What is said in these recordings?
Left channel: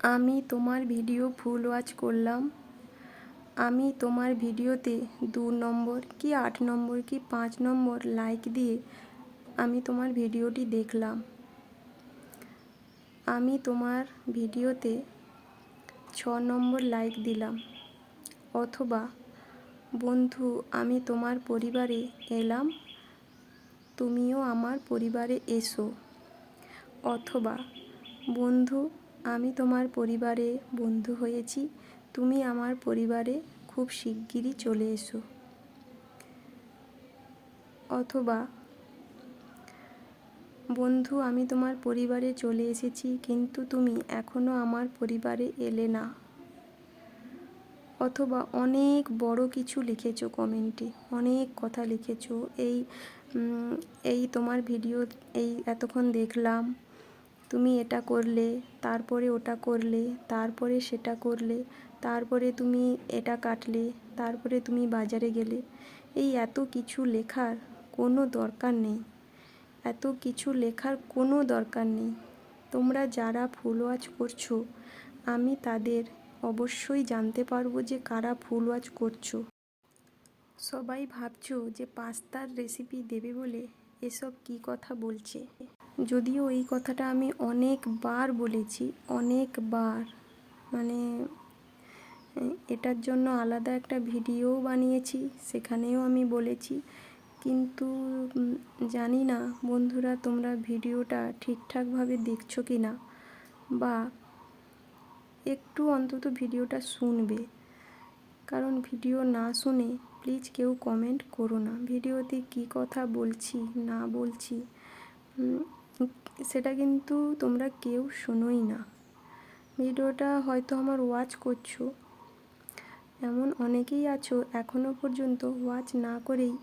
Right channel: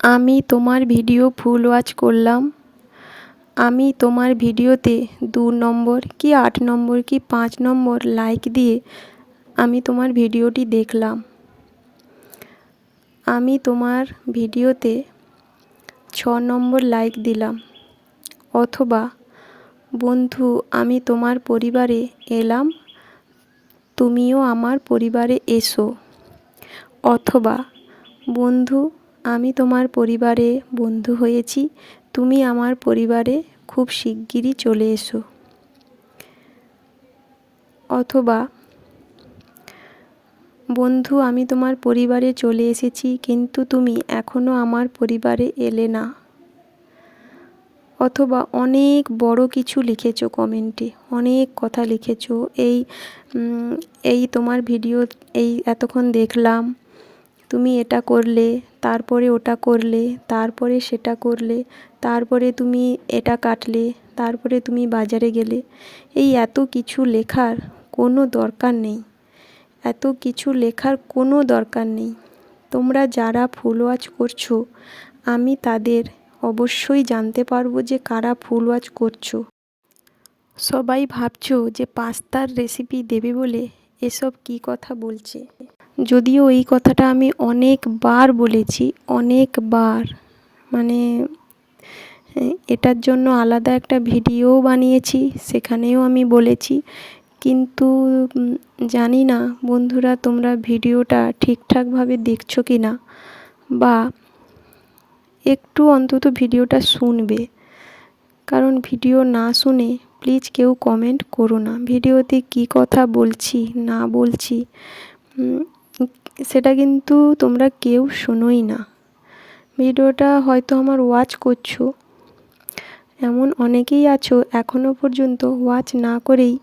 আমি তোমার video full watch করলাম। আমি তোমার ভিডিওতে 2 নম্বর কি 8 নম্বর কি 5 নম্বর লাইক দিয়ে আমি তোমার ভিডিওটি দেখলাম। আমি তোমার ভিডিওতে 6 নম্বর লাইক দিলাম। অথবা বন্ধু, আমি তোমার পরিবারে এলাম, তুমিও আমার পরিবারে এসো। অথবা বন্ধু, আমি তোমার পরিবারে বন্ধু হয়েছি, তুমি আমার পরিবারে খুব শিগগিরই চলে এসো। অথবা বন্ধু, আমি তোমার পরিবারে চলে এসেছি, কিন্তু তুমি এখনও আমার পরিবারে এলে না। অথবা অনেক বড় কিছু লিখেছো কমেন্টে, অনেক কথা লিখেছো। এই তোমার ভিডিও এই এতক্ষণ দেখলাম, তুমি এটা করলে, তারপরে ওটা করলে, তারপরে সেটা করলে, তারপরে তুমি এটা কাটলে, তারপরে তুমি বাজারে গেলে। এই এত কিছু লেখার কোনো দরকার নেই। এত কিছু লেখার কোনো দরকার নেই। তোমরা যারা ফুল ওয়াচ করছো, আমি তাদের অবশ্যই জানতে পারবো যে কারা ফুল ওয়াচ করছো। সবাই ভাবছো যে পাস্তার রেসিপি দেবে বলে এসব কী কথা বলছে। যদিও এই কথাটা আমি অনেকবার বলেছি, অনেকবার, মানে এটার জন্য আলাদা একটা ভিডিও বানিয়েছি, সেখানেও আমি বলেছি। কিন্তু জানি না বন্ধুরা, তোমরা ভিডিওটা ঠিকঠাকভাবে দেখছো কি না, বা একটু অন্তত ভিডিওটা শুনবে। কারণ ভিডিও না শুনে প্লিজ কেউ কমেন্ট করো না। ভিডিওতে কী কথা বলছি না বলছি সেটা কিন্তু তোমরা কেউ শোনোই না। ভিডিওটা হয়তো আমার ওয়াচ করছো, এমন অনেকেই আছো এখনও পর্যন্ত ওয়াচ না করেই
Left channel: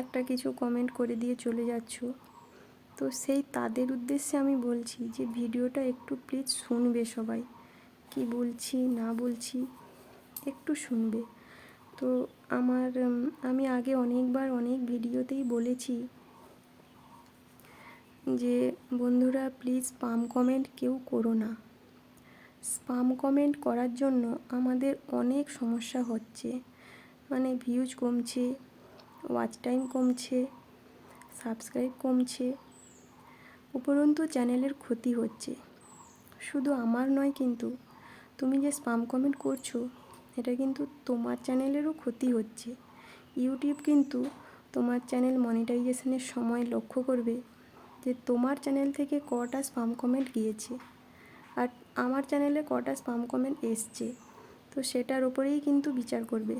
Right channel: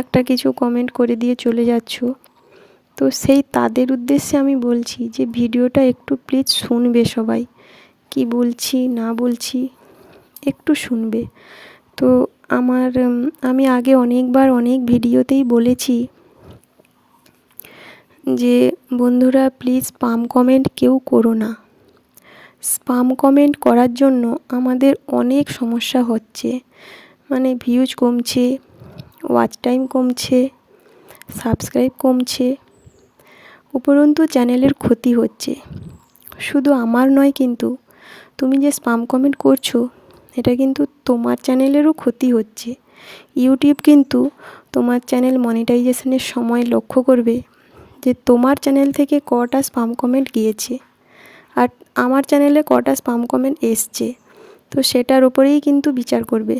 একটা কিছু কমেন্ট করে দিয়ে চলে যাচ্ছো। তো সেই তাদের উদ্দেশ্যে আমি বলছি যে ভিডিওটা একটু প্লিজ শুনবে সবাই, কি বলছি না বলছি একটু শুনবে। তো আমি আগে অনেকবার অনেক ভিডিওতেই বলেছি যে বন্ধুরা প্লিজ স্পাম কমেন্ট কেউ করো না। স্পাম কমেন্ট করার জন্য আমাদের অনেক সমস্যা হচ্ছে, মানে ভিউজ কমছে, ওয়াচ টাইম কমছে, সাবস্ক্রাইব কমছে, উপরন্তু চ্যানেলের ক্ষতি হচ্ছে। শুধু আমার নয়, কিন্তু তুমি যে স্পাম কমেন্ট করছো এটা কিন্তু তোমার চ্যানেলেরও ক্ষতি হচ্ছে। ইউটিউব কিন্তু তোমার চ্যানেল মনিটাইজেশনের সময় লক্ষ্য করবে যে তোমার চ্যানেল থেকে কটা স্পাম কমেন্ট গিয়েছে আর আমার চ্যানেলে কটা স্পাম কমেন্ট এসছে। তো সেটার ওপরেই কিন্তু বিচার করবে।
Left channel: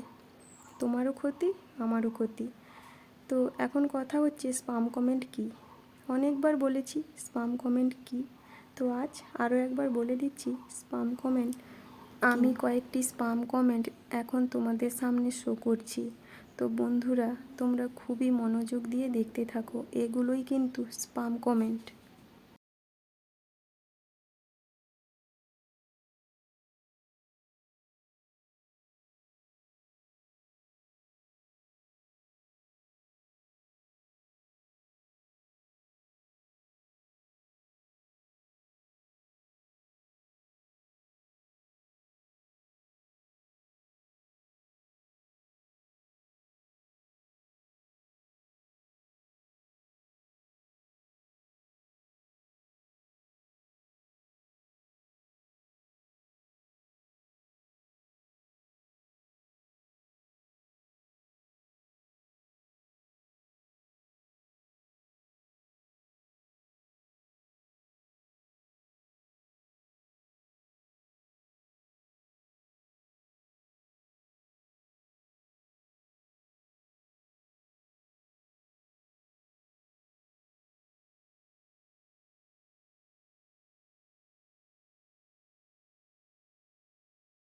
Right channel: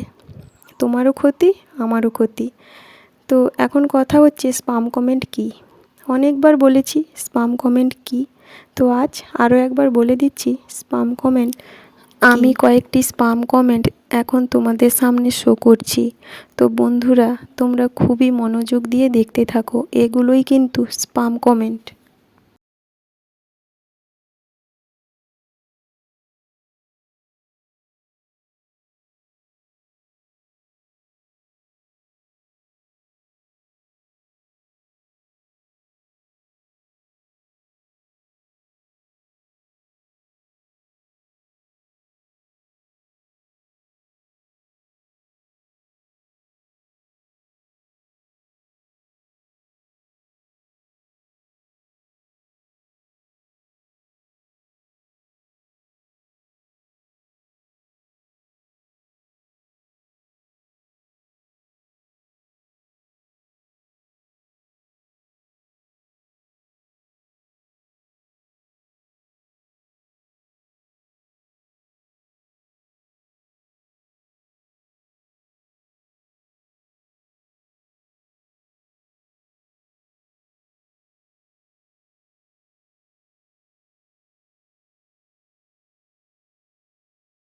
তোমারও ক্ষতি, আমারও ক্ষতি। তো এখন কথা হচ্ছে স্পাম কমেন্ট কী। অনেকবার বলেছি স্পাম কমেন্ট কী, তো আজ আরও একবার বলে দিচ্ছি স্পাম কমেন্ট। আমি কয়েকটি স্পাম কমেন্ট এখন তোমাদের সামনে শো করছি। তো বন্ধুরা, তোমরা খুবই মনোযোগ দিয়ে দেখতে থাকো, এগুলোই কিন্তু স্পাম কমেন্ট।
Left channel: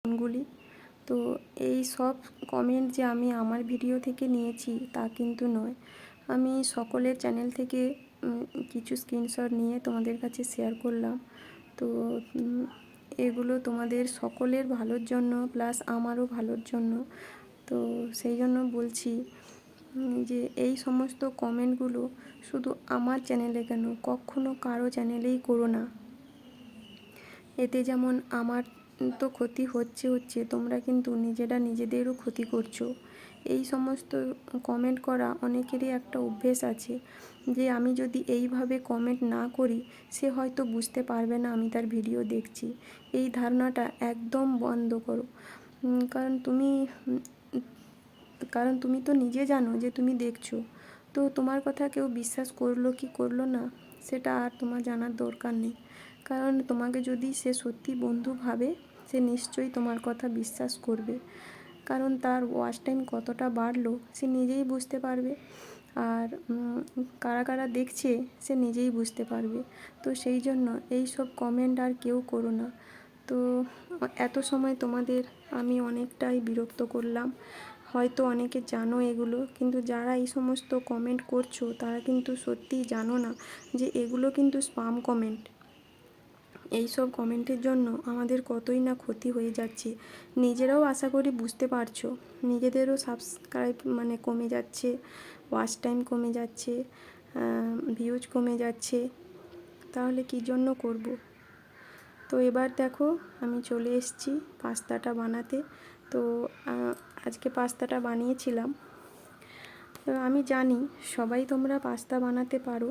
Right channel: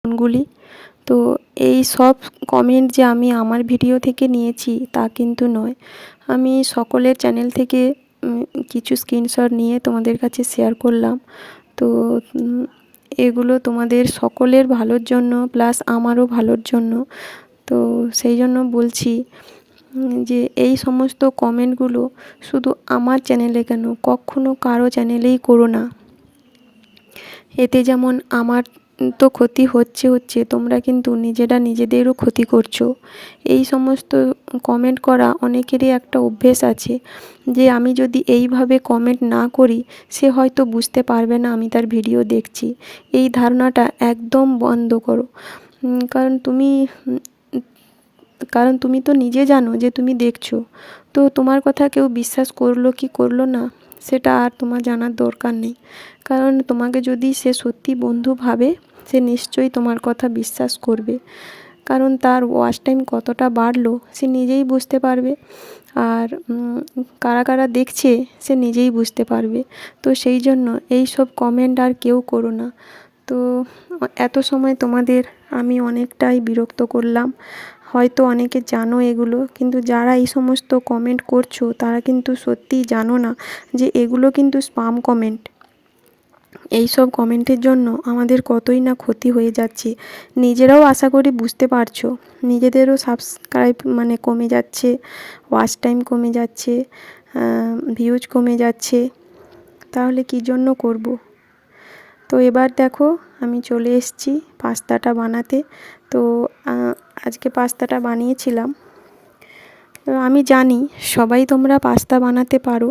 গুলি তো এই সব কমেন্ট যে আমি আমার ভিডিও থেকে নিয়েছি তা কিন্তু নয়। আমি সকলের চ্যানেল থেকে কিছু স্ক্রিনশট নিয়ে তোমাদের কাছে শেয়ার করলাম। তো এগুলো তোমাদের সকলের ভালোর জন্য, প্লাস আমারও ভালোর জন্য। তো সেই জন্য বলছি যে এই সমস্ত কমেন্টগুলো শুধু আমার চ্যানেলে কেন, কখনো কারো চ্যানেলেই করো না। এতে যেমন আমার তো ক্ষতি হচ্ছে, তোমরা কিন্তু নিজেদেরও ক্ষতি করছো। এই সমস্ত কমেন্ট করা অনেকেরই একটা অভ্যেস আছে যে আমি যদি এইভাবে কমেন্ট না করি সে হয়তো বুঝতে পারবে না আমি তার ভিডিও দেখছি। এই ধারণাটা একদম বন্ধ করো। কারণ তুমি তো নিজে জানো যে তুমি দেখছো। তো তোমার কথা কেউ বিশ্বাস করলো কি করলো না সেটা আর তোমার জানার দরকার নেই। কারণ তোমাকে যদি সে সত্যি বন্ধু ভাবে সে নিশ্চয়ই তোমার কথা বিশ্বাস করবে। কারণ তার ওয়াচ টাইম কতটা বাড়লো সে নিজেই বুঝতে পারবে। আর কারা কারা দেখছে সে নিজেই বুঝতে পারবে। তো সেই জন্য এই সব কমেন্ট আর কেউ করো না। তো এত সময় তোমাদের আমি অনেকটাই বিরক্ত করলাম। হয়তো অনেকে জানো এগুলো, কিন্তু যারা এই সমস্ত কমেন্ট করছো তারা কিন্তু সত্যিই জানো না যে এগুলো কিন্তু স্পাম কমেন্ট। এই সব কমেন্টের জন্য আমাদের কতই না ক্ষতি হয়ে যাচ্ছে। নিজেরাও আশা করি বুঝতে পারছো। নিজেদেরও সাবস্ক্রাইব কমে যাচ্ছে, ওয়াচ টাইম কমে যাচ্ছে, ভিউজ কমে যাচ্ছে। তাহলে কী জন্য করব? তো এবার দেখো আমি চলে এসেছি পাস্তাটা বানাতে। তো আজকে পাস্তাটা বানিয়েছিলাম। তো আমি জানি সবাই তোমরা পাস্তা বানাতে পারো,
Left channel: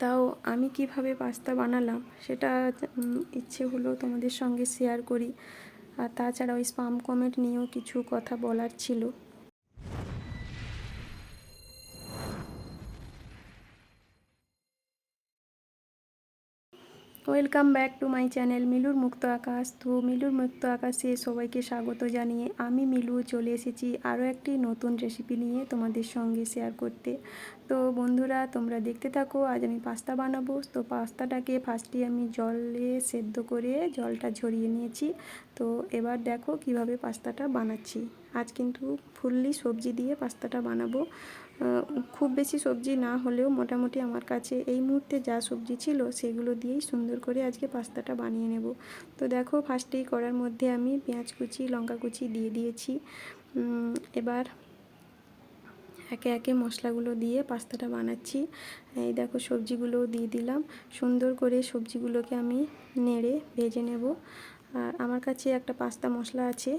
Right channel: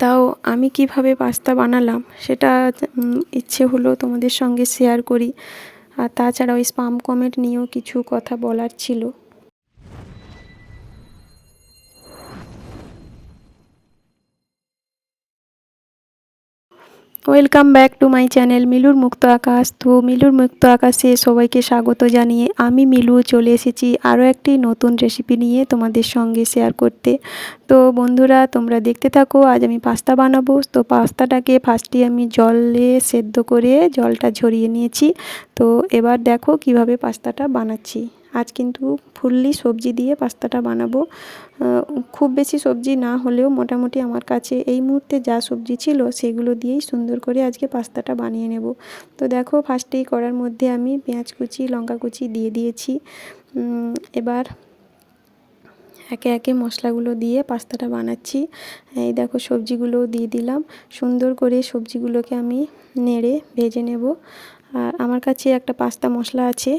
তাও আমি কিভাবে পাস্তা বানালাম সেটা ইচ্ছে হলো তোমাদের সঙ্গে শেয়ার করি। আর তাছাড়া ওই স্পাম কমেন্ট নিয়েও কিছু কথা বলার ছিল। Welcome back to my channel মিলুর মুক্ত আকাশ। তো মিলুর মুক্ত আকাশে সবাইকে স্বাগত জানিয়ে আমি মিলু চলে এসেছি আরও একটি নতুন রেসিপি নিয়ে তোমাদের সঙ্গে শেয়ার করতে। তো বন্ধুরা তোমরা দেখতে থাকো। আজ আমি পাস্তা বানাবো। তো পাস্তাটাকে ফার্স্টে আমি জলে সেদ্ধ করে জলটা ঝরিয়ে নিয়েছি। তো এবার দেখো কিভাবে পাস্তাটা বানাচ্ছি। আজ কিন্তু ফুললি সবজি দিয়ে পাস্তাটা বানাবো। খুব বেশি সবজি না হলেও মোটামুটি আমার কাছে এই মুহূর্তে যা সবজি ছিল সেগুলো দিয়েই সুন্দর করে আজকে পাস্তাটা বানিয়ে নেব। তো দেখো ফার্স্টেই কড়ার মধ্যে আমি পেঁয়াজ কুচি লঙ্কা কুচি দিয়ে দিয়েছি। এবার একে একে মশলাগুলো দিয়ে পাস্তাটা বানাচ্ছি। এই দেখো সবজিগুলোও দিয়ে দিলাম। সুন্দর করে সবজিগুলোকে আমি নেড়ে ভেজে নেব। আর আমার কাছে একটা পাস্তা মশলা আছে,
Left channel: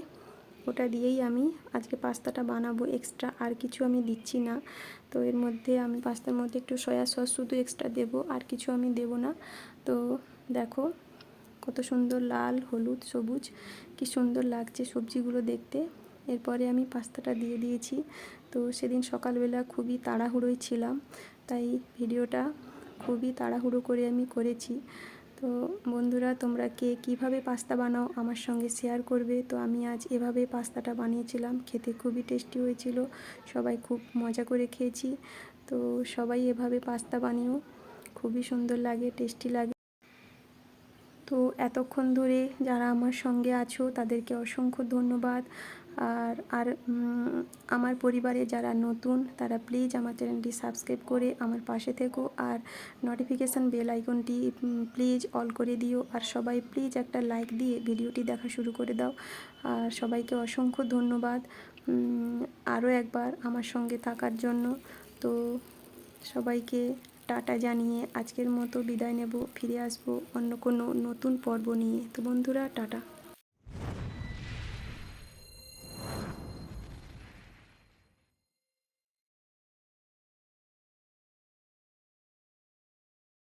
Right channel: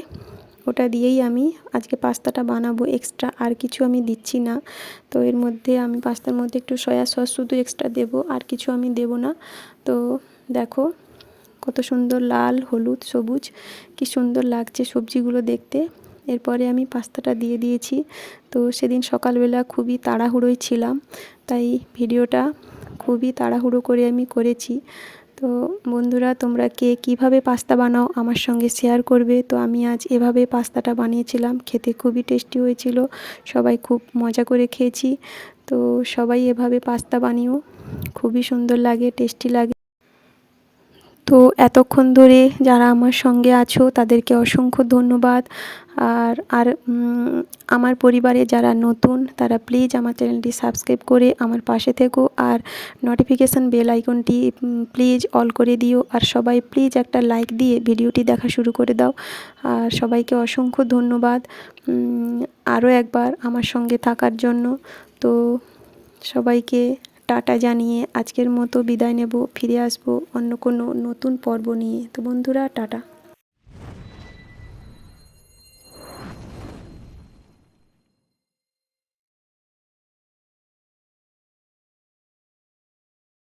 ওটা দিয়েই আমি আজকে পাস্তাটা বানাবো। এক্সট্রা আর কিছু আমি দিচ্ছি না। তো এর মধ্যে আমি পাস্তার মধ্যে একটু সয়া সস শুধু এক্সট্রা দেবো, আর কিছু আমি দেবো না। তো দেখো কত সুন্দর লাল হলুদ সবুজ কি সুন্দর লাগছে সবজিগুলো দেখতে। এরপরে আমি পাস্তাটা দিয়ে দিয়েছি। তো সেদিন সকালবেলা খুবই তাড়াহুড়োয় ছিলাম, তাই ভিডিওটা খুবই তাড়াহুড়ো করে আমি করেছি। তো বন্ধুরা তোমরা কে কীভাবে পাস্তা বানাও আমার সঙ্গে শেয়ার করবে। তো আমি আজ এভাবে পাস্তাটা বানিয়েছিলাম, খেতে খুবই টেস্টি হয়েছিল, সবাই খুব মজা করে খেয়েছি। তো সবাই এভাবে পাস্তা বানিও, খুবই সুন্দর লাগে, টেস্টি লাগে। তো এতক্ষণ ধরে যারা আমার সঙ্গে আছো তাদেরকে অসংখ্য ধন্যবাদ। আর আমার পরিবারে যারা নতুন তারা প্লিজ আমার চ্যানেলটি সাবস্ক্রাইব করে আমার পাশে থেকো। আর নোটিফিকেশান বেল আইকনটি প্লিজ অল করে দিও। আর সবাই প্লিজ একটা লাইক দিয়ে ভিডিওটি দেখা শুরু করে দাও। আর সবাইকে অসংখ্য ধন্যবাদ আরও একবার আমার সঙ্গে থাকার জন্য। তো সবাইকে টাটা জানিয়ে আজকের মতো বিদায় নেব। ফিরে আসবো অন্য কোনো নতুন পর্ব নিয়ে। তো বন্ধুরা টাটা।